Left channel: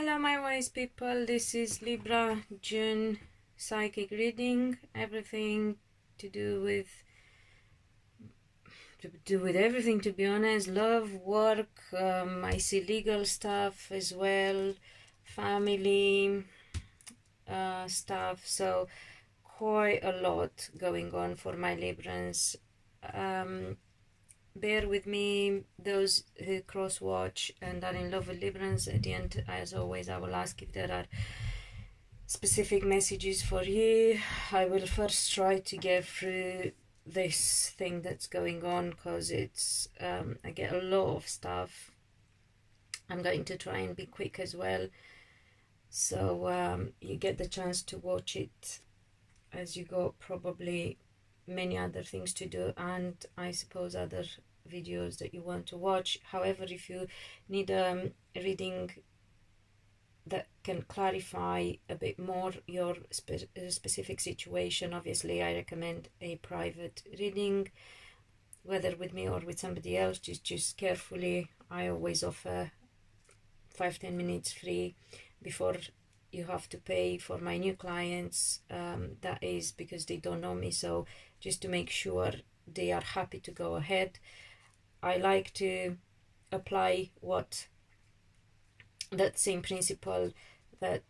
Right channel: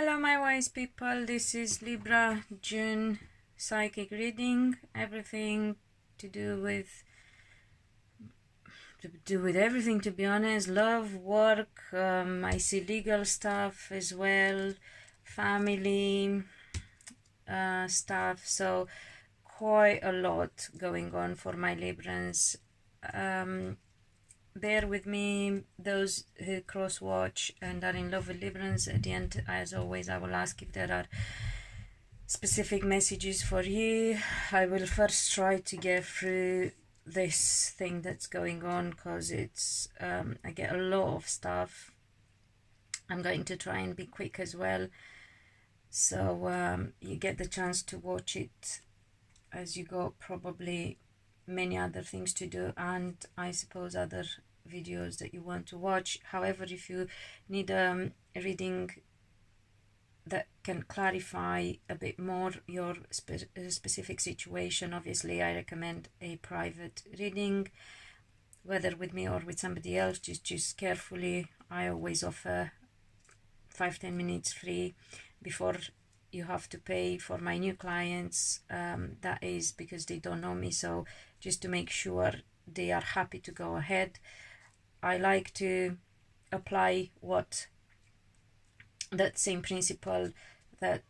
Hello my wise people, this is Libra June psychic reading. Everything to do with everything, to be honest. Love, work, I see legal stuff as well, family stuff, so quite a lot going on for my Librans. Bear with me, those who cross watch and are in love with Librans. At the end, as always, I will ask if there are specific messages for you. I will first try to get through this thing that's going on, because it's I get a lot of stuff. I'm going to try and be quick as well, so you get the chance to watch it as you go. Probably many other things to do, and I suppose other videos that you want to watch. However, if you need a reading that can clarify a bit more your specific situation, obviously I recommend a private reading, whether with me or with somebody else. Just carefully, I always offer 5-10 minutes free before you have to pay for my new clients. That is because they don't know me, so just to make sure they are happy to go ahead. I like to apply that same principle that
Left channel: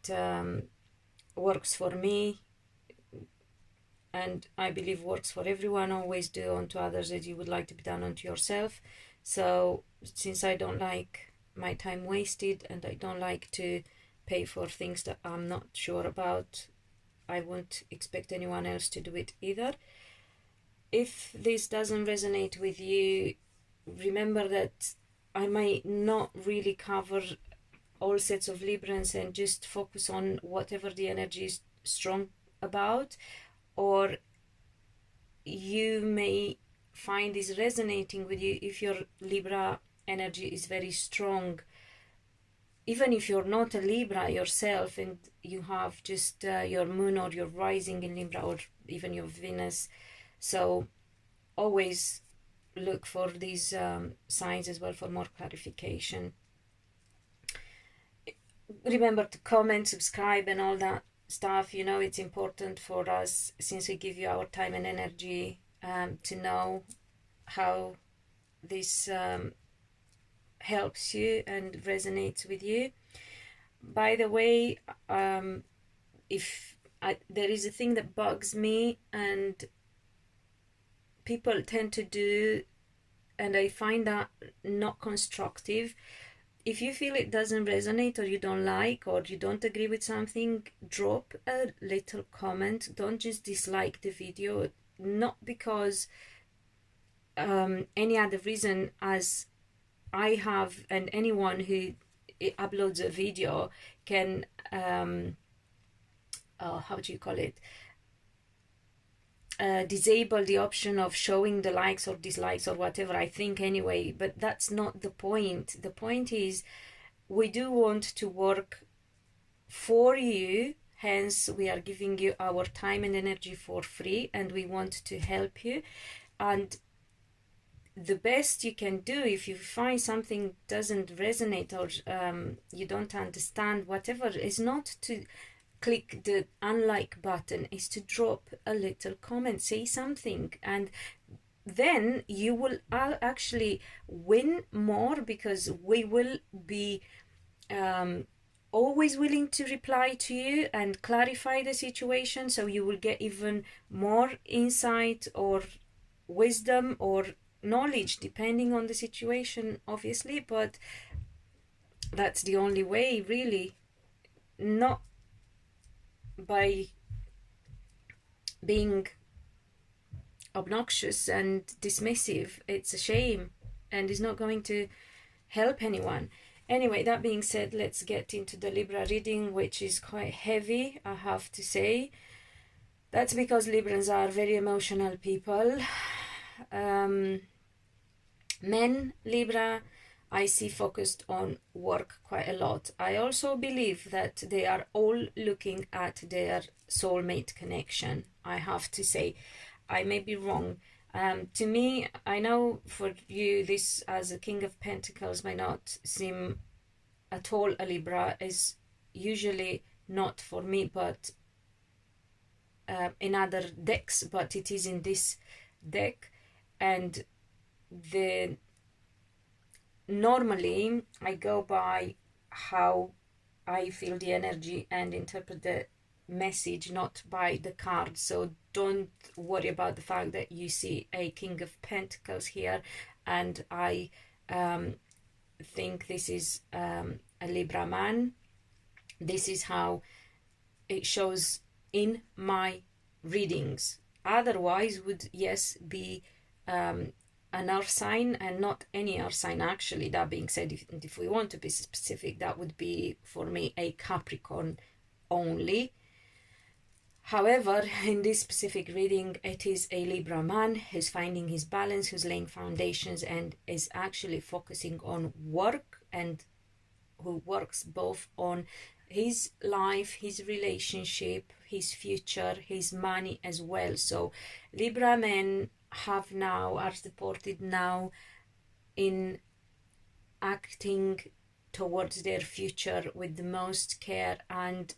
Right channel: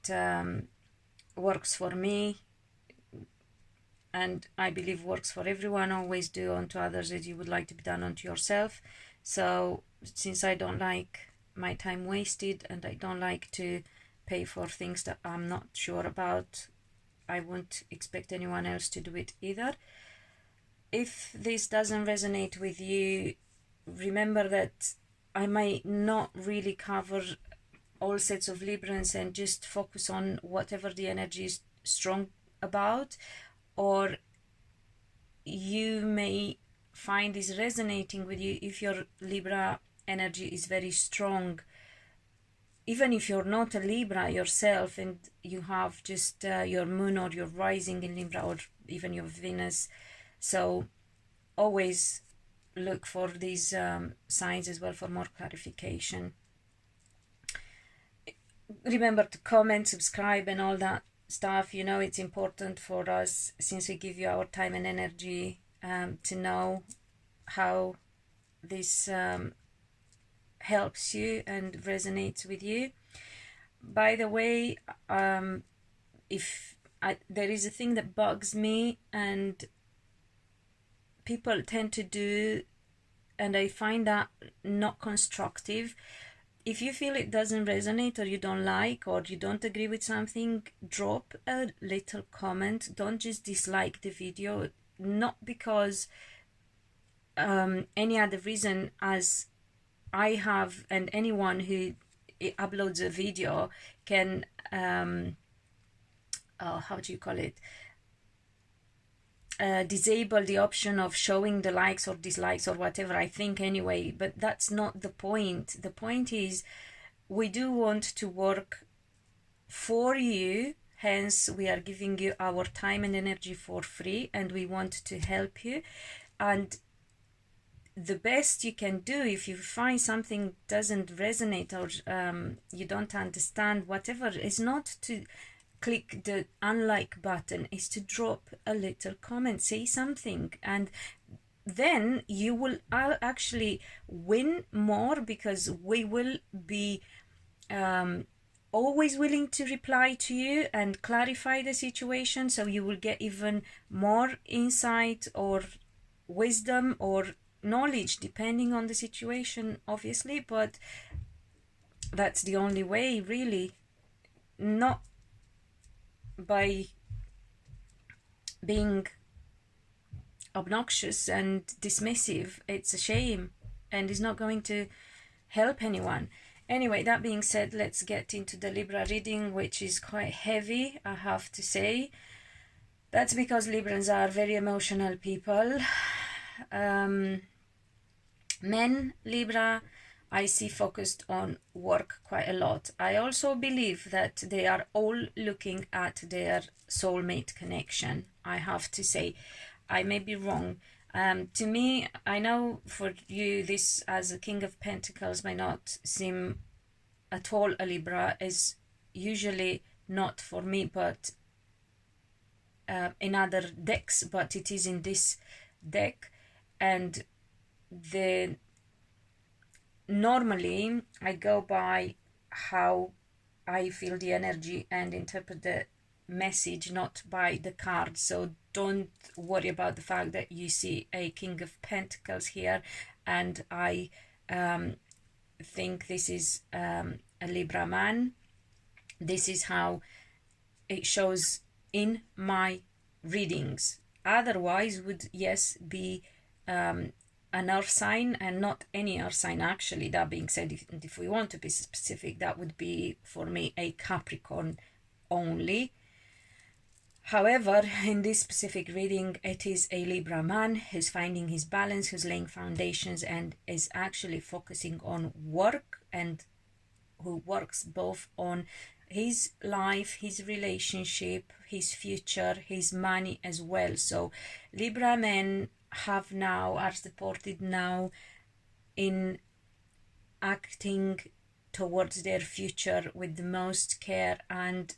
works for me, and I believe works for everyone. Always do unto others as you would like to be done unto yourself. So since I don't like my time wasted, and I don't like to pay for things that I'm not sure about, I won't expect anyone else to do it either. If this doesn't resonate with you, remember that I might not really cover all sets of Librans, and just focus on whatever the energy is strong about, or you may find this resonating with you if your Libra energy is very strong. Even if you're not a Libra yourself and you have just your moon or your rising in Libra, or even your Venus, so always look for these signs as well for more clarification. Remember to comment, subscribe and all that stuff. You know, it's important for us, since we give you our time and energy, to know how this helps you and resonates with you. By the way, there is a thing that bugs me and people tend to do, and I find that not constructive. If you feel it doesn't resonate, or you don't like, or you don't agree with something, drop a little comment. Don't just dislike the video, not because any other reason, as I have, and anyone who uploads a video can how do you call it, disable the option of showing the likes or dislikes or whatever, I think anyway, but that's not the point. The point is, we do want to work for you, hence we are giving you our time and energy for free, and we want to help you. And the best you can do, if you find something doesn't resonate, or you don't understand, whatever, is not to click the unlike button, is to drop a little comment, say something, and then you will actually win more, because we will be always willing to reply to you and clarify the situation, so you will get even more insight or wisdom or knowledge, depending on the situation, obviously, but that's the only way, really, not by being obnoxious and dismissive. It's a shame, and is not going to help anyone. Anyway, that being said, let's get into the Libra reading, which is quite heavy, I have to say. That's because Librans are very emotional people. Men Libra, I see focused on work quite a lot. I also believe that they are all looking at their soulmate connection, I have to say. I may be wrong. To me, I know for you, this as a King of Pentacles may not seem at all a Libra, is usually not for me, but in other decks, but it is in this deck. And normally I go by how I feel the energy and interpret the message, not by the card. So don't worry about the fact that you see a King of Pentacles here and I think this is a Libra man. This is how it shows in my readings. Otherwise would, yes, be an earth sign, and not any earth sign actually. That being said, if we want to be specific, that would be for me a Capricorn only. However, in this specific reading, it is a Libra man who's finding his balance, who's laying foundations and is actually focusing on work, and who works both on his life, his relationship, his future, his money as well. So Libra men are supported now in acting towards their future with the most care and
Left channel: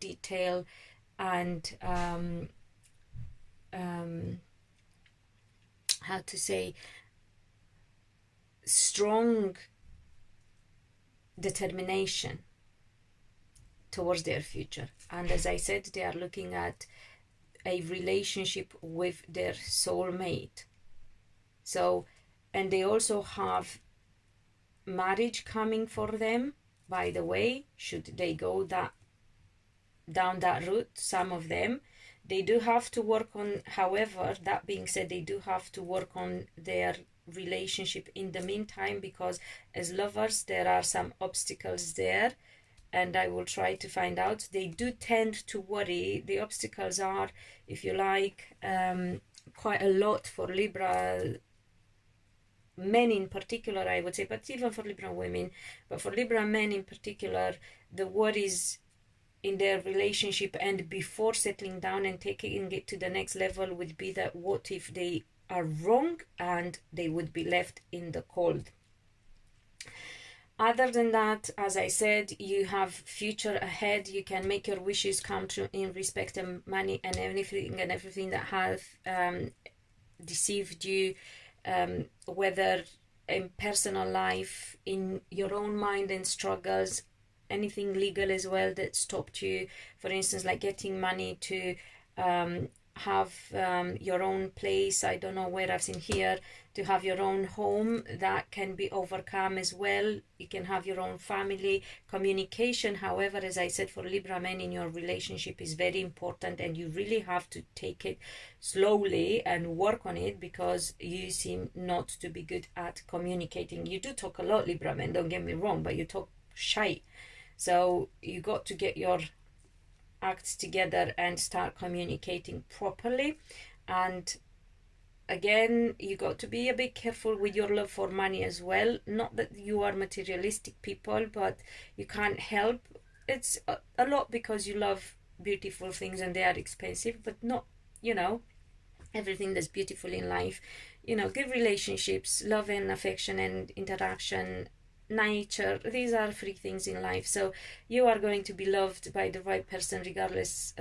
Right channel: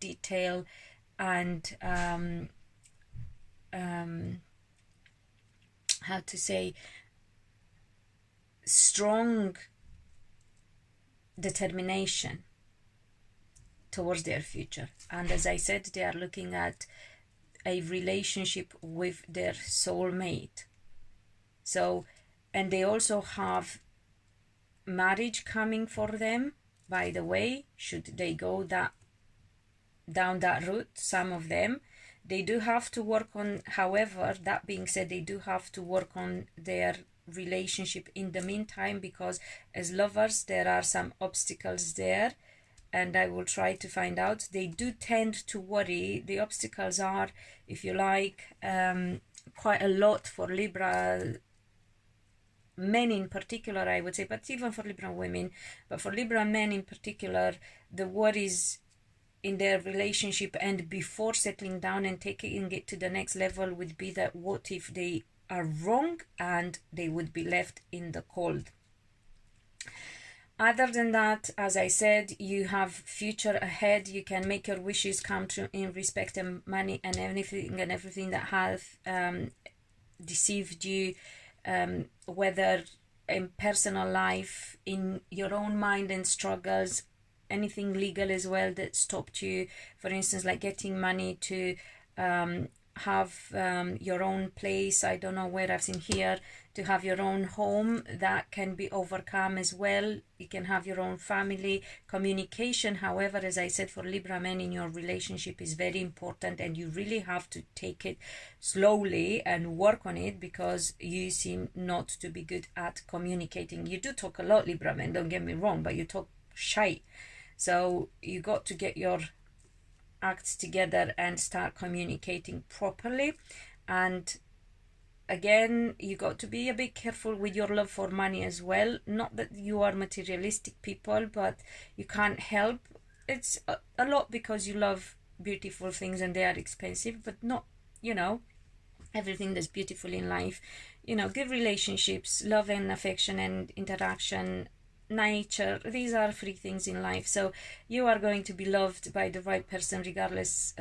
detail and how to say, strong determination towards their future. And as I said, they are looking at a relationship with their soulmate. So, and they also have marriage coming for them, by the way, should they go down that route. Some of them, they do have to work on, however, that being said, they do have to work on their relationship in the meantime, because as lovers there are some obstacles there, and I will try to find out. They do tend to worry. The obstacles are, if you like, quite a lot for Libra men in particular, I would say, but even for Libra women, but for Libra men in particular, the worries in their relationship and before settling down and taking it to the next level would be that what if they are wrong and they would be left in the cold. Other than that, as I said, you have future ahead. You can make your wishes come true in respect of money and everything that have deceived you, whether in personal life, in your own mind and struggles, anything legal as well that stopped you, for instance, like getting money to have your own place. I don't know where I've seen here, to have your own home, that can be overcome as well. You can have your own family. Communication, however, as I said, for Libra men in your relationship is very important, and you really have to take it slowly and work on it, because you seem not to be good at communicating. You do talk a lot, Libra men, don't get me wrong, but you talk shy. So you got to get your acts together and start communicating properly. And again, you got to be a bit careful with your love for money as well. Not that you are materialistic people, but you can't help. It's a lot because you love beautiful things and they are expensive, but not, you know, everything that's beautiful in life. You know, good relationships, love and affection and interaction, nature, these are free things in life. So you are going to be loved by the right person regardless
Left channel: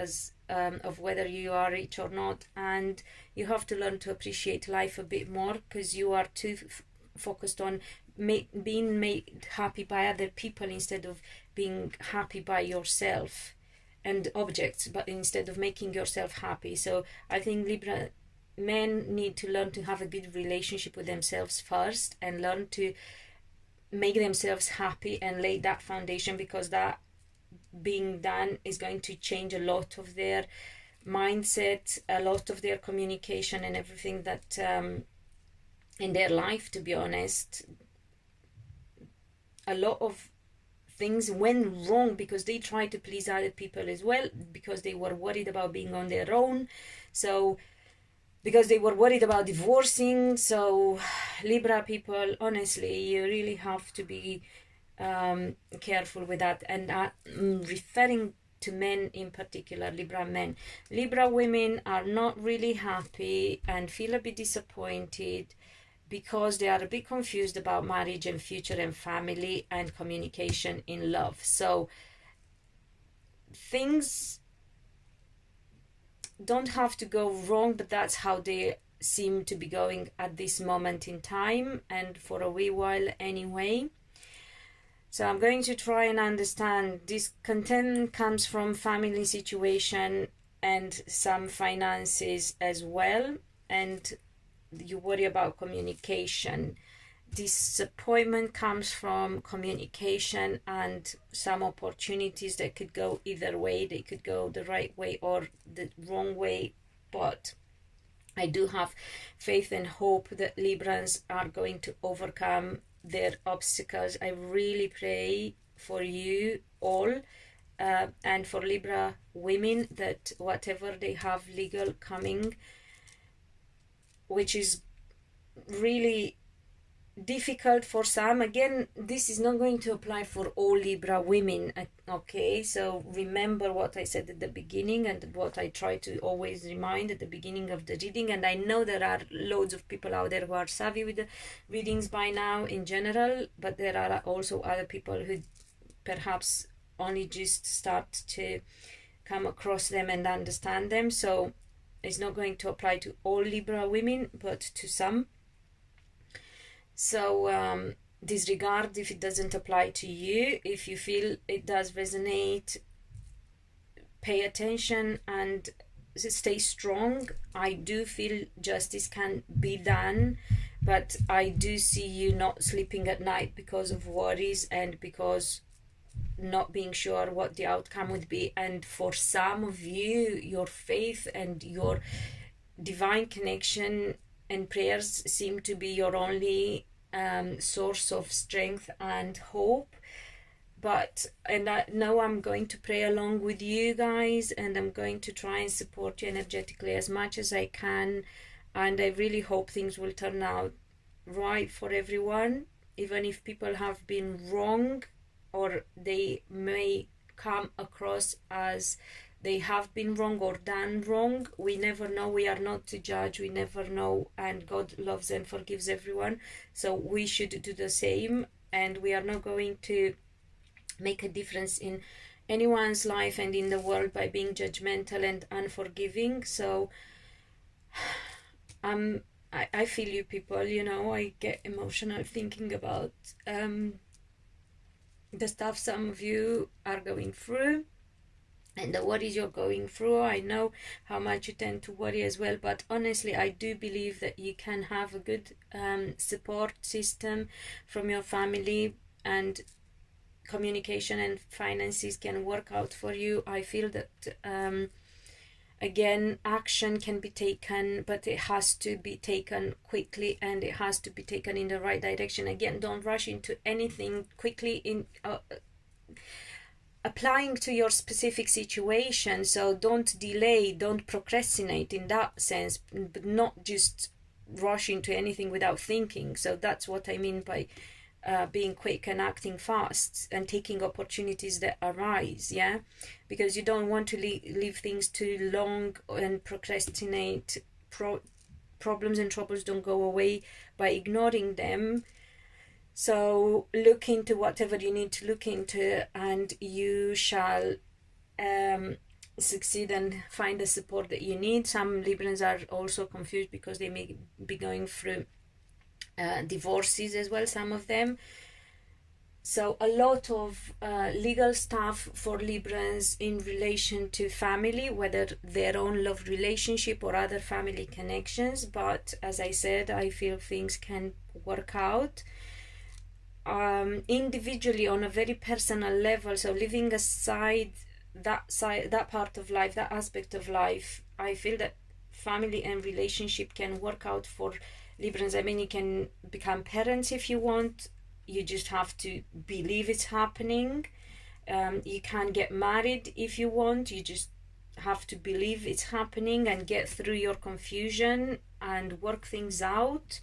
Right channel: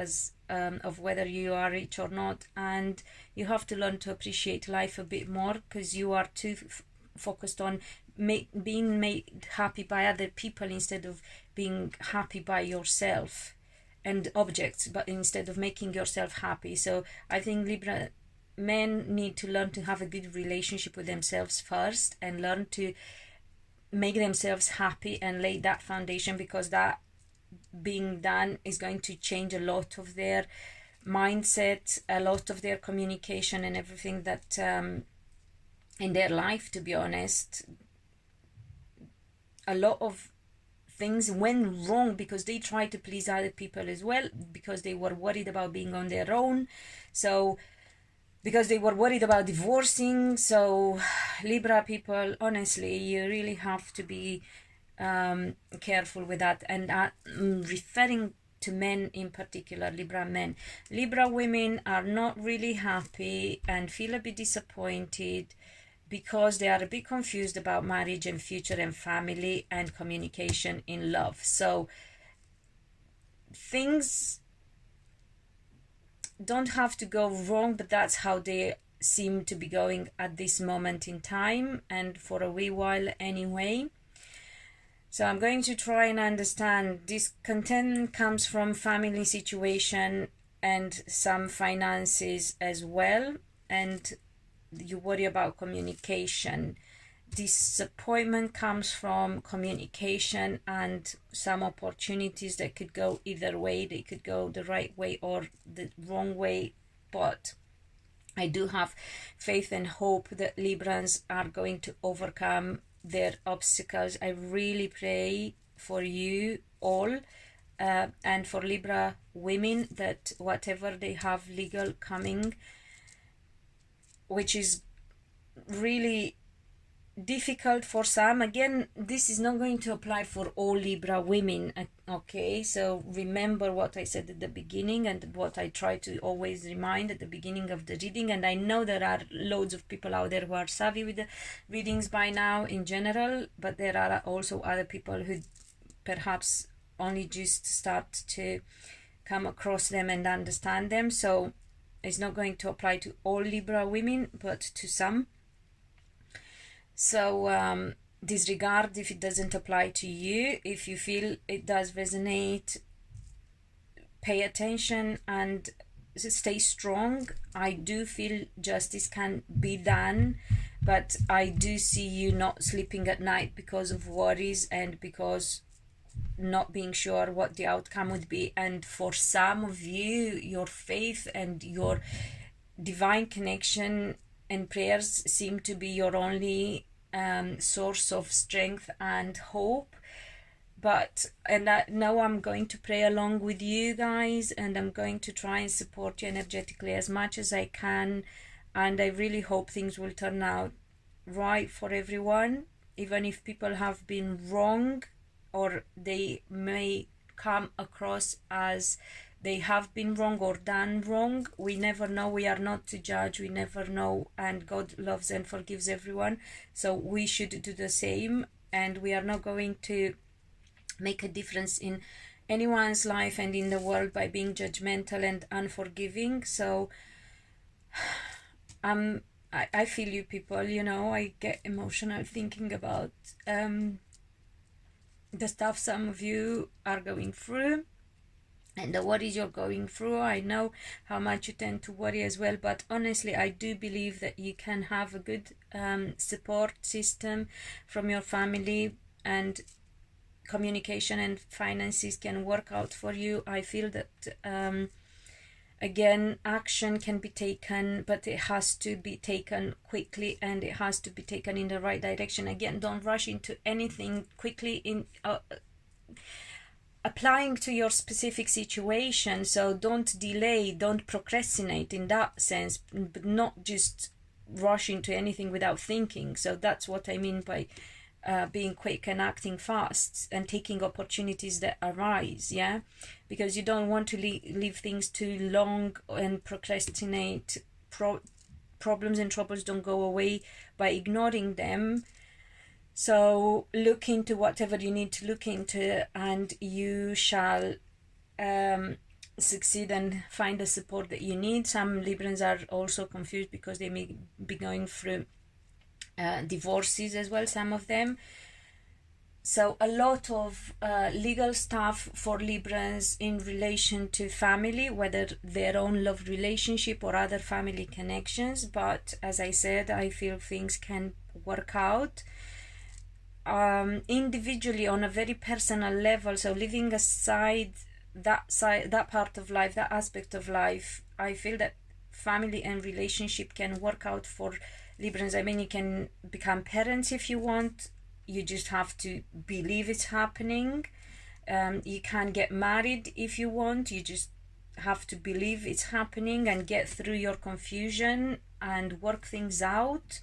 of whether you are rich or not, and you have to learn to appreciate life a bit more, because you are too focused on being made happy by other people instead of being happy by yourself and objects, but instead of making yourself happy. So I think Libra men need to learn to have a good relationship with themselves first, and learn to make themselves happy and lay that foundation, because that being done is going to change a lot of their mindset, a lot of their communication and everything that in their life. To be honest, a lot of things went wrong because they tried to please other people as well, because they were worried about being on their own, so because they were worried about divorcing. So Libra people, honestly, you really have to be careful with that. And I'm referring to men in particular, Libra men. Libra women are not really happy and feel a bit disappointed because they are a bit confused about marriage and future and family and communication in love. So things don't have to go wrong, but that's how they seem to be going at this moment in time, and for a wee while anyway. So I'm going to try and understand. Discontent comes from family situation and some finances as well, and you worry about communication. Disappointment comes from communication and some opportunities that could go either way. They could go the right way or the wrong way, but I do have faith and hope that Librans are going to overcome their obstacles. I really pray for you all, and for Libra women, that whatever they have legal coming, which is really difficult for some. Again, this is not going to apply for all Libra women, okay? So remember what I said at the beginning and what I try to always remind at the beginning of the reading. And I know there are loads of people out there who are savvy with the readings by now in general, but there are also other people who perhaps only just start to come across them and understand them. So it's not going to apply to all Libra women, but to some. So disregard if it doesn't apply to you. If you feel it does resonate, pay attention and stay strong. I do feel justice can be done, but I do see you not sleeping at night because of worries and because not being sure what the outcome would be. And for some of you, your faith and your divine connection and prayers seem to be your only source of strength and hope. But now I'm going to pray along with you guys, and I'm going to try and support you energetically as much as I can, and I really hope things will turn out right for everyone, even if people have been wrong or they may come across as they have been wrong or done wrong. We never know. We are not to judge. We never know. And God loves and forgives everyone. So we should do the same. And we are not going to make a difference in anyone's life and in the world by being judgmental and unforgiving. So I feel you people, you know, I get emotional thinking about the stuff some of you are going through and the worries you're going through. I know how much you tend to worry as well, but honestly I do believe that you can have a good support system from your family, and communication and finances can work out for you. I feel that again, action can be taken, but it has to be taken quickly and it has to be taken in the right direction. Again, don't rush into anything quickly in applying to your specific situation. So don't delay, don't procrastinate in that sense, but not just rush into anything without thinking. So that's what I mean by being quick and acting fast and taking opportunities that arise, yeah, because you don't want to leave things too long and procrastinate. Problems and troubles don't go away by ignoring them. So look into whatever you need to look into, and you shall succeed and find the support that you need. Some Librans are also confused because they may be going through divorces as well, some of them. So a lot of legal stuff for Librans in relation to family, whether their own love relationship or other family connections. But as I said, I feel things can work out individually on a very personal level. So leaving aside that part of life, that aspect of life, I feel that family and relationship can work out for Librans. I mean, you can become parents if you want. You just have to believe it's happening. You can get married if you want. You just have to believe it's happening and get through your confusion and work things out.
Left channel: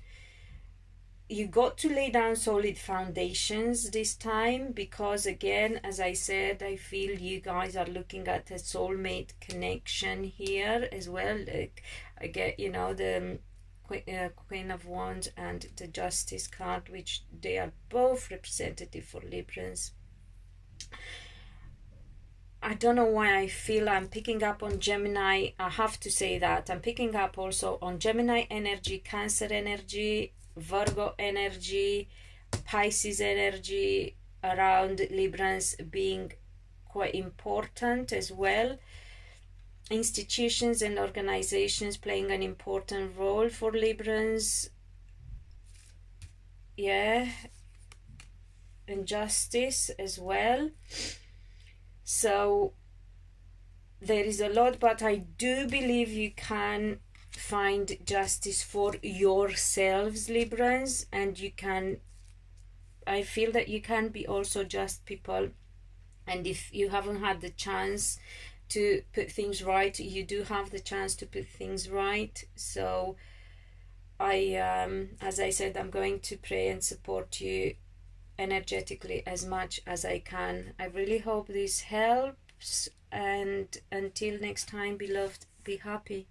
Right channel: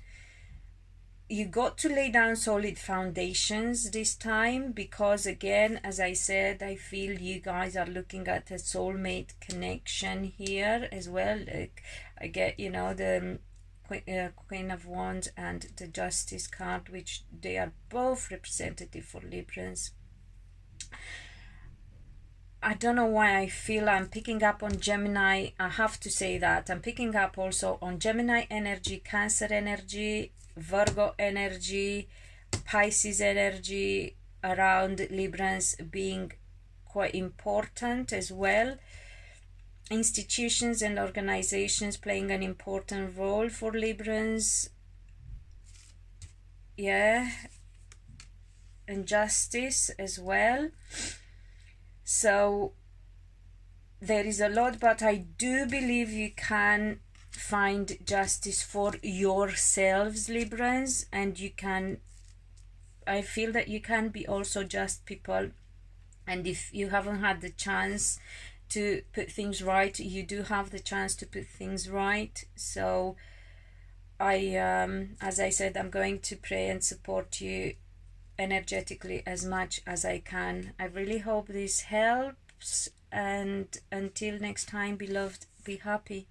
You got to lay down solid foundations this time, because again, as I said, I feel you guys are looking at a soulmate connection here as well. Like, I get, you know, the Queen of Wands and the Justice card, which they are both representative for Librans. I don't know why I feel I'm picking up on Gemini. I have to say that I'm picking up also on Gemini energy, Cancer energy, Virgo energy, Pisces energy around Librans being quite important as well. Institutions and organizations playing an important role for Librans. Yeah, and justice as well. So there is a lot, but I do believe you can find justice for yourselves, Librans, and you can, I feel that you can be also just people, and if you haven't had the chance to put things right, you do have the chance to put things right. So as I said, I'm going to pray and support you energetically as much as I can. I really hope this helps, and until next time, beloved, be happy.